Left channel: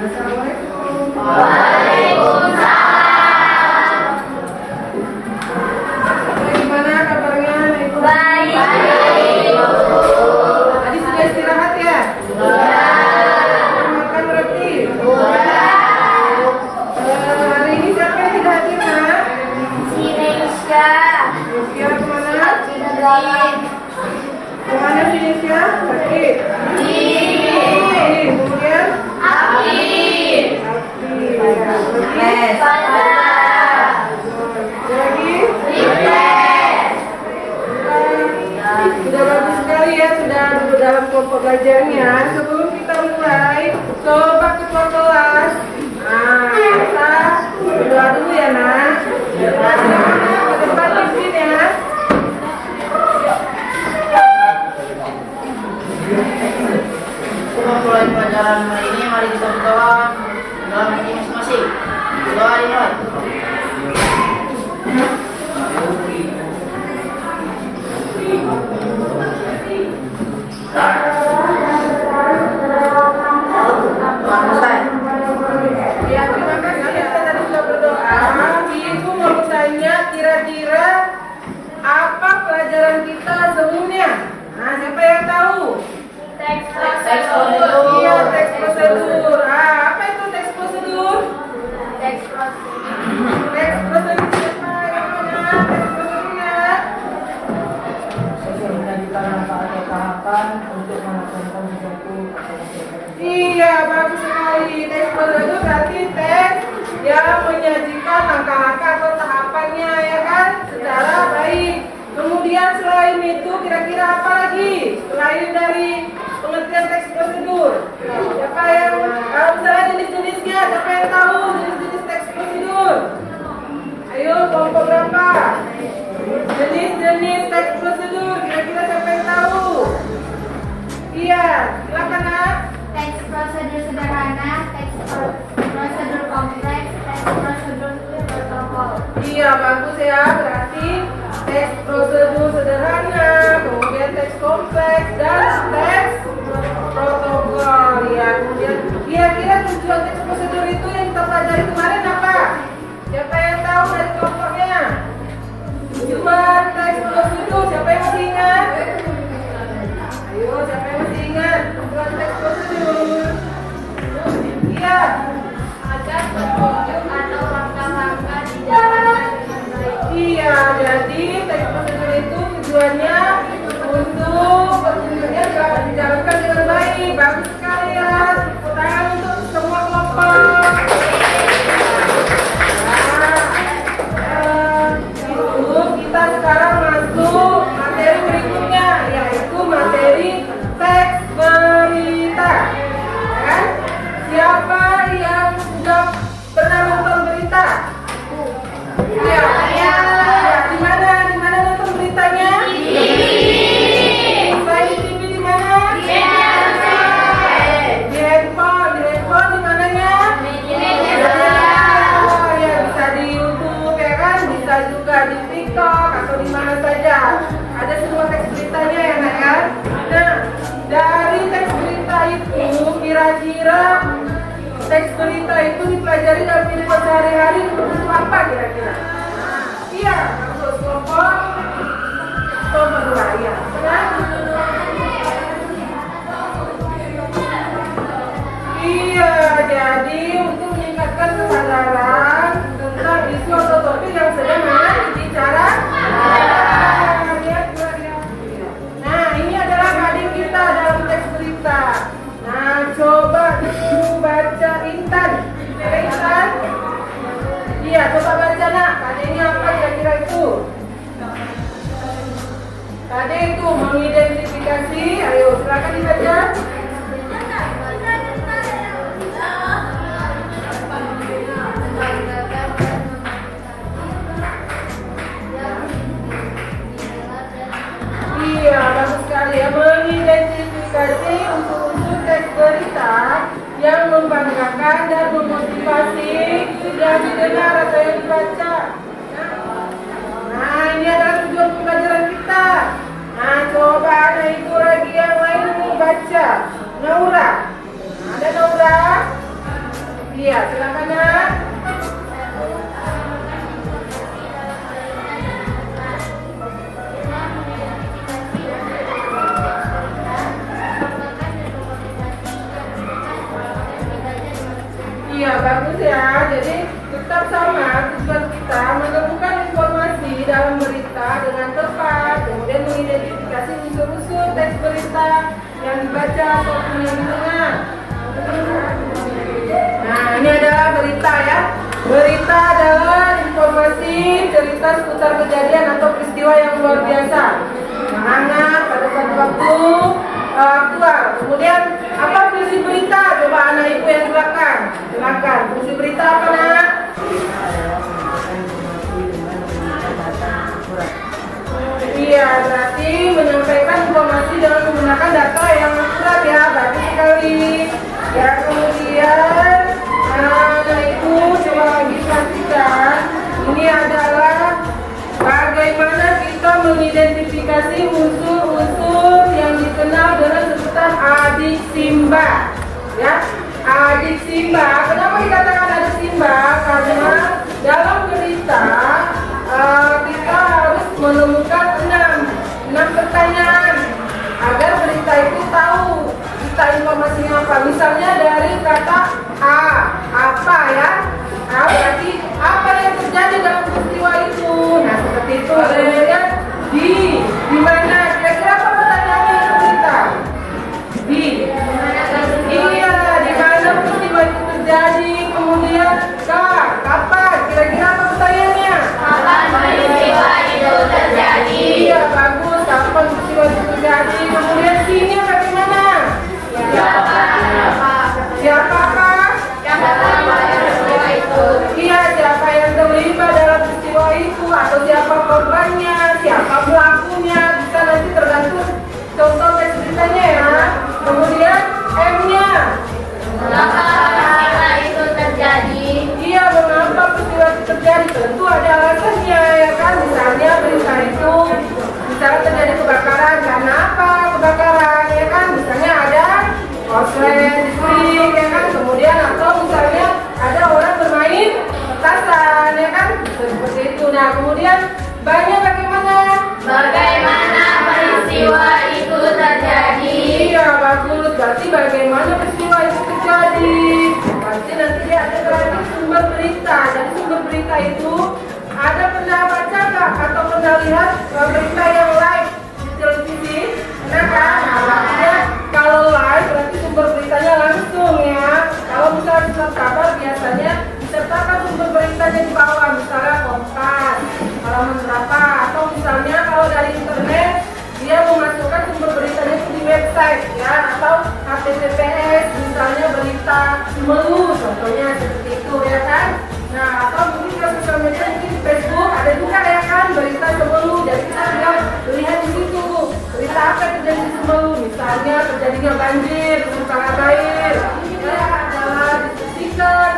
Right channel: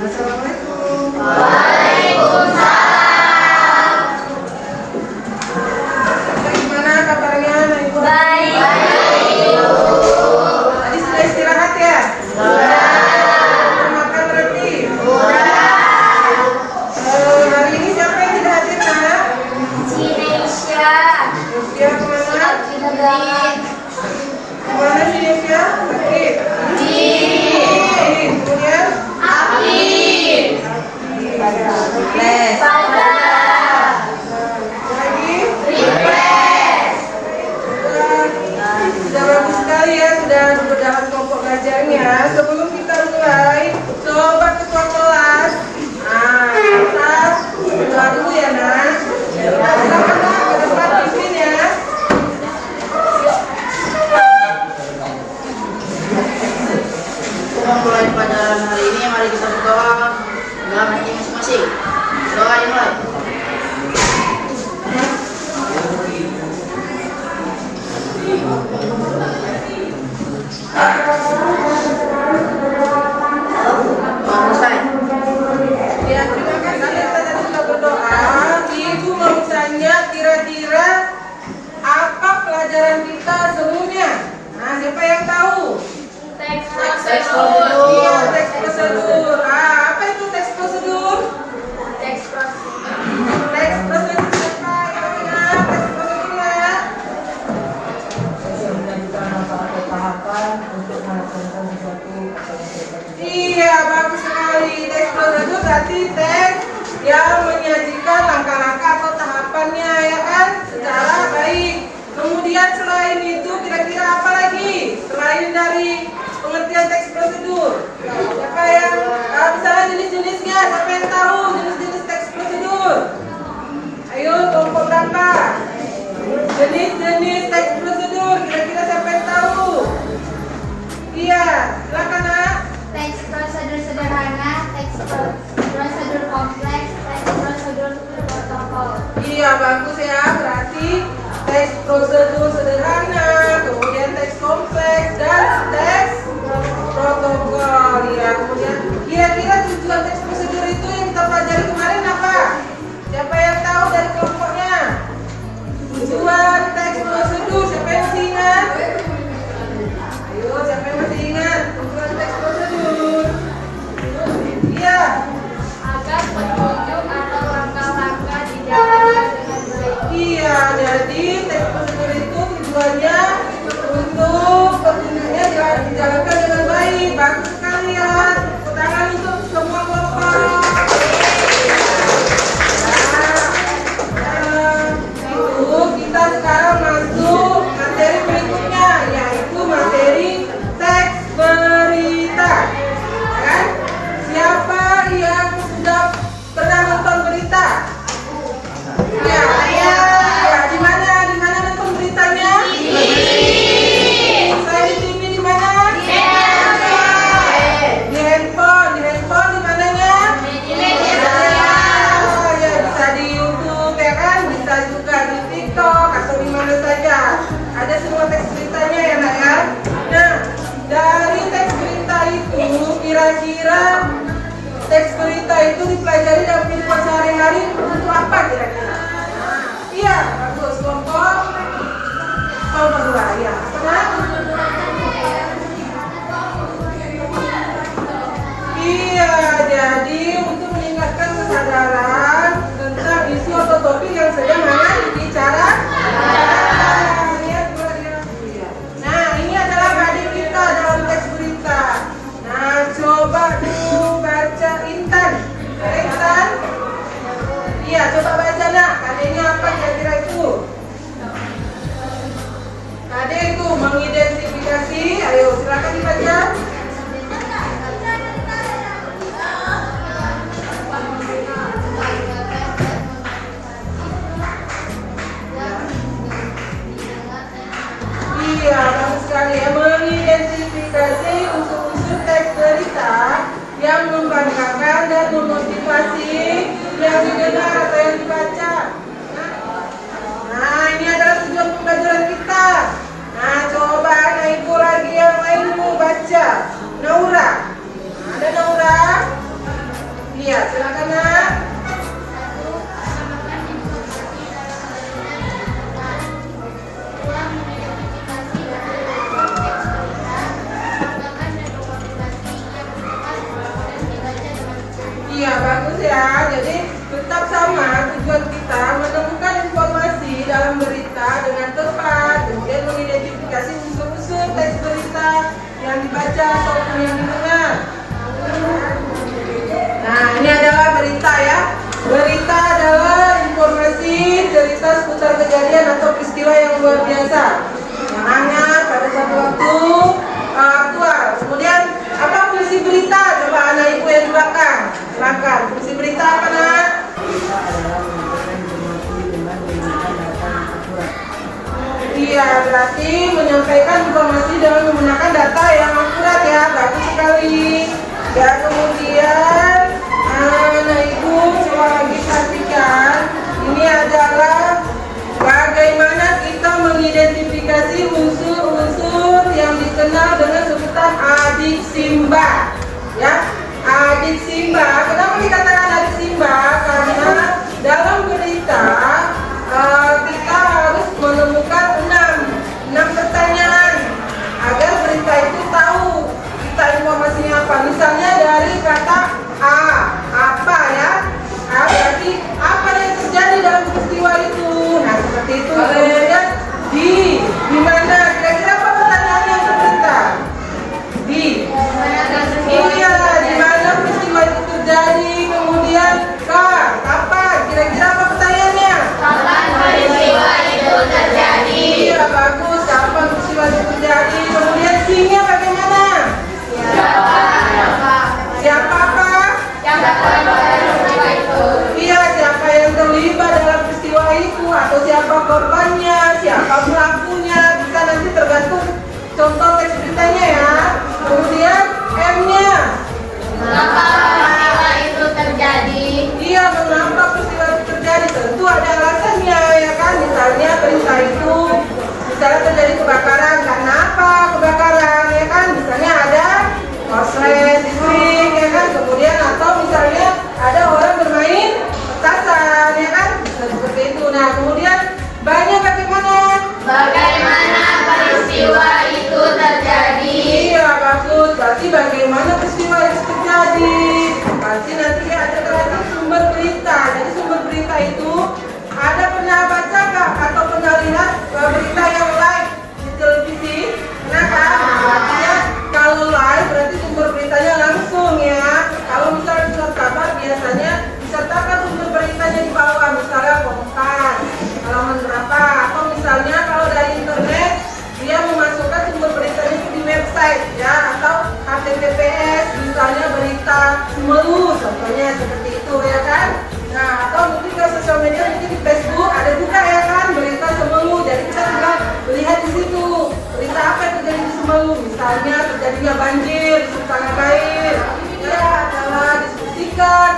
Assalamualaikum. Waalaikumsalam. Gimana kabarnya, Ibu? Baik. Tadi sudah istirahat ya? Sudah makan berarti? Hari ini siapa yang tidak hadir, Nak? Cinesya. Dia kemana? Cinegalan. Kemana sih Nesya? Sakit? Kemudian? Aktif. Les. Pada. Lagi? Refresh. Sudah bagus sekali ya, sudah dalam kelompok belajarnya. Sebelum kita mulai, coba ketua kelas. Nah, kita berdoa dulu ya, Nak. Nah, silakan Nak, ke depan pimpin ya. Untuk memulai pelajaran hari ini, mari kita berdoa dalam hati masing-masing. Doa dimulai. Doa selesai. Ya, terima kasih. Kita tadi sudah berdoa. Ibu mau tanya kira-kira apa pelajaran kita sebelumnya? Nah, siapa yang tahu? Teks Teks prosedur. Iya, teks prosedur. Apa itu teks prosedur? Teks prosedur. Teks prosedur siapa yang ingat teks prosedurnya? Menjadikan manfaat atau tahapan untuk melaksanakan sesuatu atau mengerjakan. Iya, bagus sekali. Teks prosedur berarti teks yang menyajikan langkah-langkah atau tahapannya, ya kan? Secara baik. Kemudian selain itu, kira-kira apa lagi? Selain dari pengertian teks prosedur, siapa yang misalnya jenis-jenisnya? Siapa yang tahu jenis-jenis teks prosedur? Ayo, kelompok berapa? Jenis-jenis teks prosedur, kira-kira siapa yang tahu? Iya, silakan Nak. Teks prosedur sederhana, teks prosedur kompleks, teks prosedur protokol. Iya, bagus ya. Berarti teks prosedur sederhana, kemudian teks kompleks, dan teks protokol. Ya, kemudian kira-kira tujuan teks prosedur itu yang kita pelajari kemarin apa? Siapa yang tahu dari kelompoknya? Tujuan teks prosedur, siapa yang masih ingat? Ayo, siapa yang masih ingat? Tujuan teks prosedur. Iya. Agar petunjuk atau langkah-langkah dijalankan dengan baik. Iya, jadi teks prosedur itu tujuannya untuk petunjuknya dijalankan dengan baik. Bagus sekali ya. Tepuk tangan untuk semua kelompok. Nah, itu kita sekarang masuk materi berikutnya, yaitu materi teks berita. Kan? Siapa yang sudah pernah nonton berita? Ya, ya, di mana nonton beritanya? Saya di TV di mana? Di handphone di mananya? Oh, ya bisa di YouTube ya kan? Bisa juga di TikTok atau di mana saja. Ada semua teks beritanya ya Nak ya. Nah, dari teks berita itu kira-kira teks berita itu dipelajari dalam kehidupan sehari-hari untuk apa kira-kira? Iya, bagus. Kelompok dua, ya. Nah, iya, jadi untuk meningkatkan kesadaran tentang isu atau topik yang sedang dibicarakan. Nah, ini adalah heading kita dalam teks berita. Nah, coba dulu baca Intan. Intan? Iya, coba baca Nak. Headingnya apa kira-kira itu? Tadi itu mengidentifikasi. Ayo, silakan dibaca. Iya, bagus sekali ya. Mengidentifikasi unsur-unsur teks berita yang membanggakan dan memotivasi yang didengar atau yang dibaca. Nah, ini adalah tujuan pembelajaran kita. Nah, coba ada ibu lagi yang lain mau baca. Naura. Ada Naura? Iya, silakan nak. Iya, bagus ya. Jadi tetap sama tujuan kita menemukan informasi dalam berita dengan tepat, kemudian mengidentifikasi unsur-unsur teks berita yang dibaca ataupun yang didengar. Nah, ini adalah berita ya. Berita adalah informasi cerita seputar kejadian atau peristiwa yang luar biasa yang hangat pada suatu waktu aktual. Kemudian apa fungsi berita? Coba anak ibu yang di belakang. Silakan. Fungsi berita apa nak? Iya, berarti menyampaikan informasi dengan menggunakan data yang akurat ya. Bagus sekali. Ya, kemudian anak ibu coba lagi perhatikan. Ini adalah bagaimana kita mengidentifikasi unsur-unsur yang dikenal dengan sebutan adik Simba. Ya, adik Simba. Kenapa dikatakan adik Simba? Karena dalam berita kita harus menemukan enam pertanyaan agar berita itu tahu kita informasinya apa. Misalnya dari kata A, apa ya? A berarti apa yang terjadi dalam peristiwa itu. Nah, seperti itu. Kemudian di mana? Kira-kira apa pertanyaannya itu berita? Di. Iya, di mana peristiwa itu terjadi. Kemudian K, kapan? Kira-kira apa pertanyaannya? Kapan peristiwa itu terjadi? Iya, bagus. Kapan peristiwa itu terjadi? Kemudian C-nya bagaimana? Siapa apa? Iya, siapa yang terlibat dalam peristiwa itu, atau siapa korbannya, siapa pelakunya, bisa nanti tergantung contoh teks beritanya ya. Kemudian M-nya. Mengapa peristiwa itu terjadi? Iya, mengapa peristiwa itu terjadi? Tentu ada alasannya ya kan. Misalnya berita itu misalnya terjadi kebakaran, karena apa kebakaran ya kan? Misalnya ada korslet listrik ya kan. Kemudian atau misalnya ada orang bermain petasan ya kan. Seperti itu. Nah, kemudian banyak bagaimana? Bagaimana peristiwa itu terjadi? Iya, bagus. Berarti bagaimana peristiwa itu terjadi? Berarti nanti ada kreatif sumber berita. Jadi sumber berita itu ada pernah baca nggak atau pernah lihat berita yang live di televisi? Nah kan? Ya, kalau live berarti sumber beritanya langsung ya. Kalau misalnya surat kabar biasanya disertakan sumber beritanya di bawah, misalnya Kompas, halaman berapa, atau misalnya kalau dari internet dia memasukkan sumber beritanya itu di website ya, atau HTTPS misalnya berita Melu contohnya seperti itu ya kan. Nah, atau mungkin ke sosial media mungkin di Facebook ada juga ya kan berita Semelu. Jadi kita tinggal melihat di situ berita apa yang terjadi di Semelu, misalnya terjadinya banjir di Sultan Air ya, adalah diskusikan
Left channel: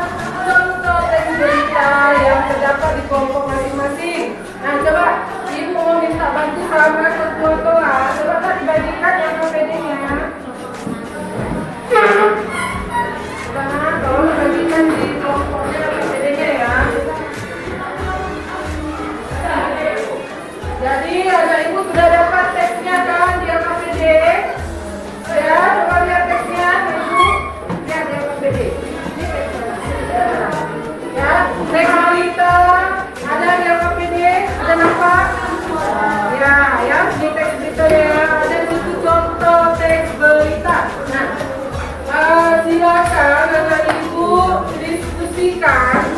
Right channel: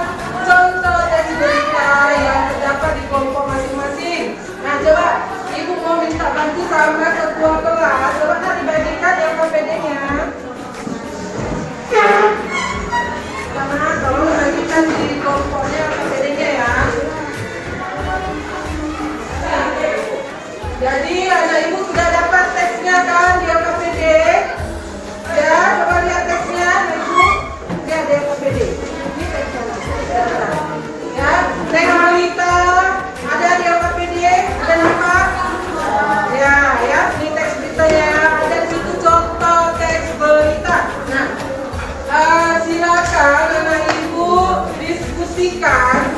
contoh teks berita yang terdapat di kelompok masing-masing. Nah, coba ibu mau minta bantu sama ketua kelas, coba tak dibagikan ya KPD-nya. Karena tolong dibagikan di kelompoknya KPD-nya ya. Jadi ada ibu sudah dapat teksnya kan di KPD? Ya, coba lihat teksnya ibu. Lihat di KPD. Ini teksnya. Ya, teks balita ada di KPD, ada nampak? Ya, ya, di teks beritanya ada di situ contoh teks berita. Nah, silakan anak ibu diskusikan,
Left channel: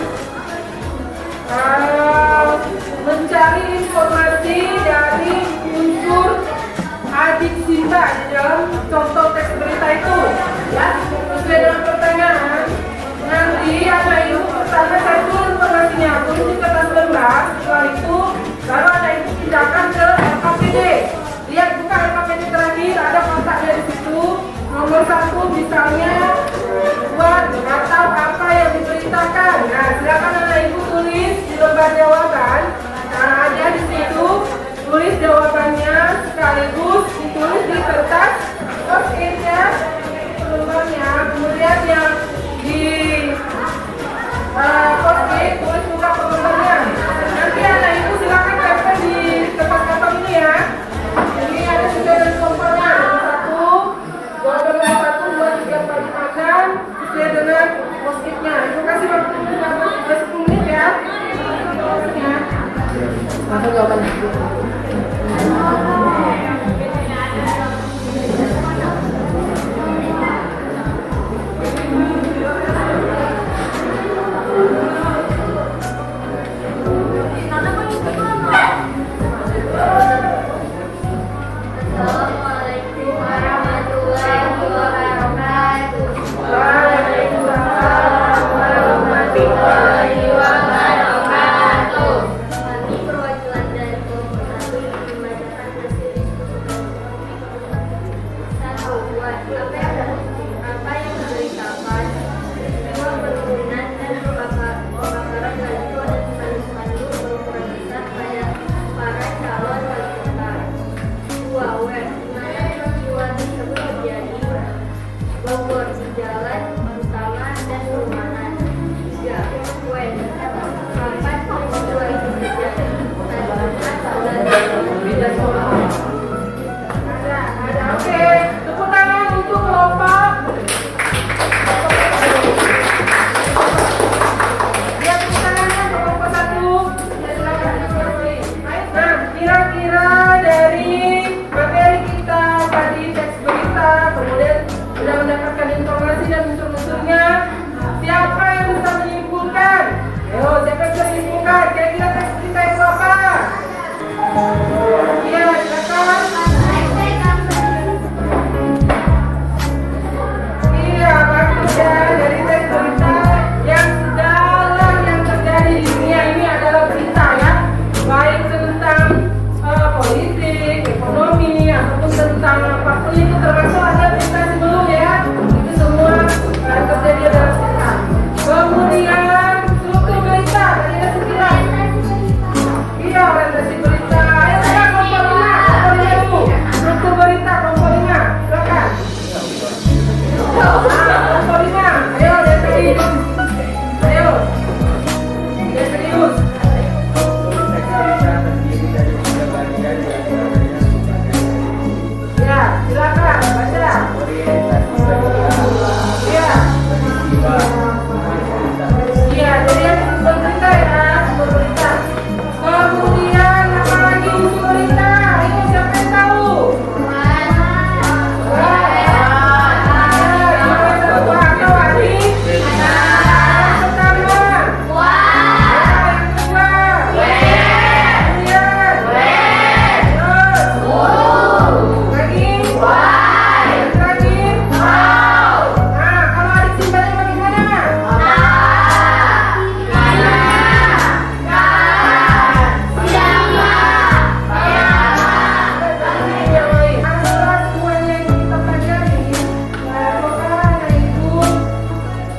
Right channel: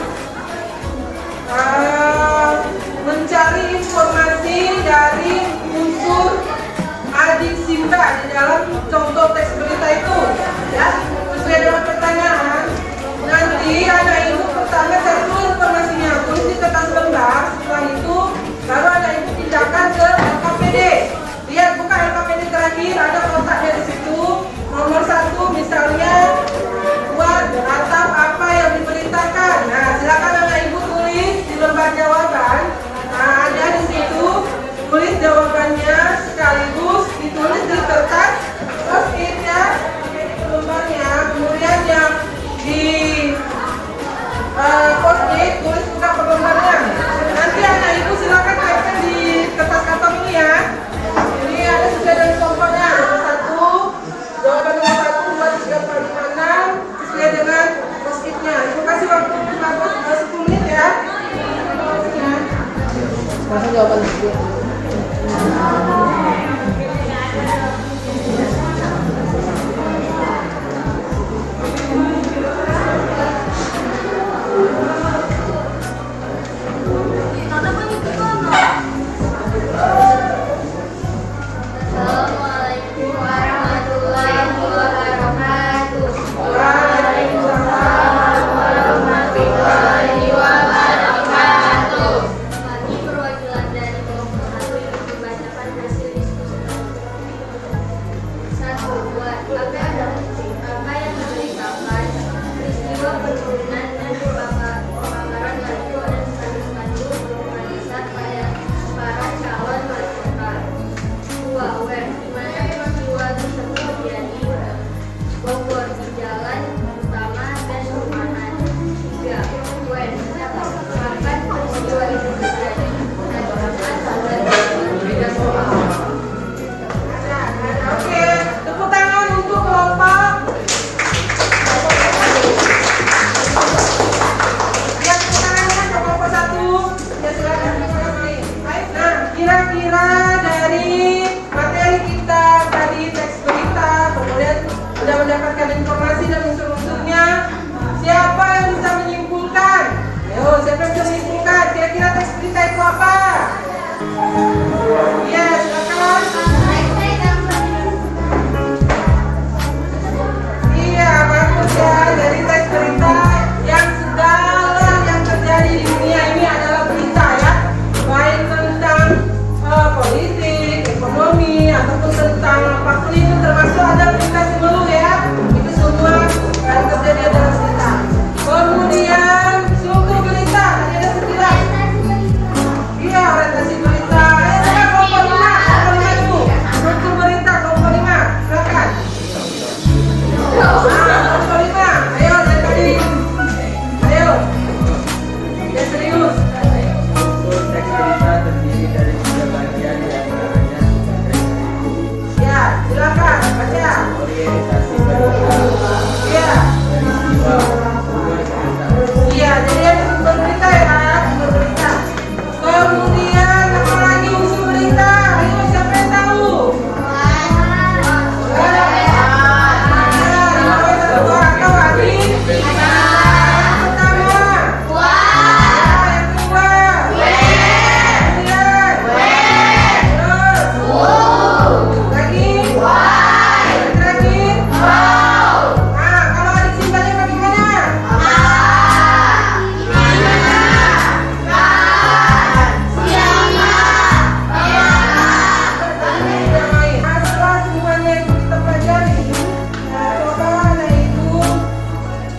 mencari informasi dari unsur adik Simba di dalam contoh teks berita itu. Ya, sesuai dengan pertanyaan. Nanti anak ibu pertama satu informasinya tulis di kertas lembar. Setelah itu baru anak ibu pindahkan ke LKPD. Lihat buka LKPD terakhir, ada kotaknya di situ. Nomor 1 misalnya buat atau apa yang diberitakan. Nah, silakan anak ibu tulis di lembar jawaban. Nah, ada di situ tulis jawabannya sekaligus ditulis di kertas post-it ya lembarnya. Kemudian jawaban ibu. Assalamualaikum warahmatullahi wabarakatuh. Waalaikumsalam warahmatullahi wabarakatuh. Kami perwakilan dari kelompok 1 ingin membacakan hasil diskusi satu. Apa yang memberitakan peristiwa penurunan dan pembakaran baliho dan spanduk-spanduk bermanfaat pada para calon wali kota. 2. Where, di mana peristiwa tersebut terjadi? Bogor, di jalan utama dan perumahan. 3. When, kapan peristiwa itu terjadi? Menandakan bulan dan semua. Oke, tepuk tangan untuk kelompok. Ya, tepuk tangannya untuk kelompok 1. Ya, silakan. Nah, kira-kira dari materi kita tadi teks berita, kemudian sudah mendapatkan informasi dan unsur-unsurnya, siapa yang bisa menyimpulkan? Ayo, siapa yang bisa menyimpulkan? Kira-kira teks berita itu apa? Iya, silakan. Iya, bagus ya. Dari teks berita yang sedalam yang terjadi di dunia ini adalah berita ya, baik tentang politik, ekonomi, ataupun tentang apapun itu termasuk ada berita sebelum ya. Itu semua yang terjadi adalah berita. Kemudian struktur berita, tadi ada 9. Iya, orientasi berita. Ayo sekarang kelompok 5 dulu. Struktur berita kelompok 5, silakan. Kelompok 5, ayo dari tadi. Ayo, dia serius. Untuk teks berita terdiri dari 3 bagian diantaranya Ya, silakan baca. orientasi berita, Iya, peristiwa, sumber cerita. iya. Jadi yang sumber berita ya, sumber berita. Kemudian apa lagi unsur berita? Ayo siapa yang tahu?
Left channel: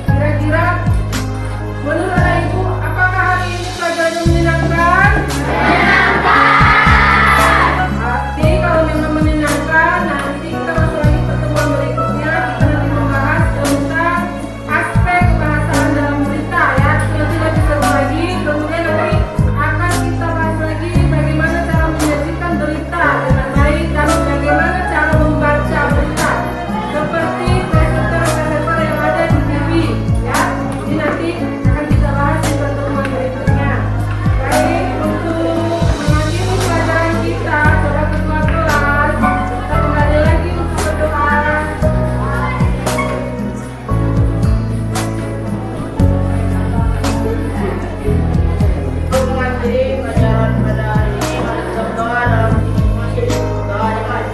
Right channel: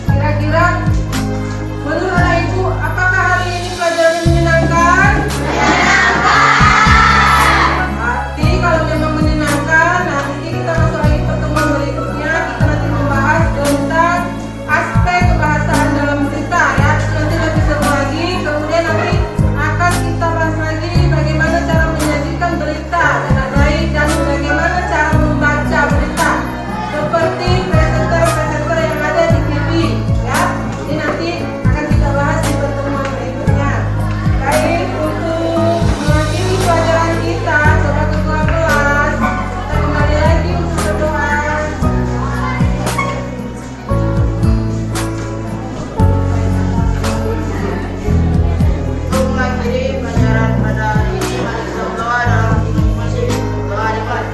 Kira-kira menurut anak ibu, apakah hari ini pelajaran menyenangkan? Berarti kalau memang menyenangkan, nanti kita masuk lagi pertemuan berikutnya. Kita nanti membahas tentang aspek kebahasaan dalam berita ya. Nanti lebih seru lagi. Kemudian nanti akan kita bahas lagi bagaimana cara menyajikan berita dengan baik dan bagaimana cara membaca berita seperti presenter-presenter yang ada di TV ya. Ini nanti akan kita bahas di pertemuan berikutnya. Baik, untuk mengakhiri pelajaran kita sobat ketua kelas, kita kembali lagi untuk berdoa. Untuk mengakhiri pelajaran pada hari ini, mari kita berdoa dalam masing-masing. Doa dimulai.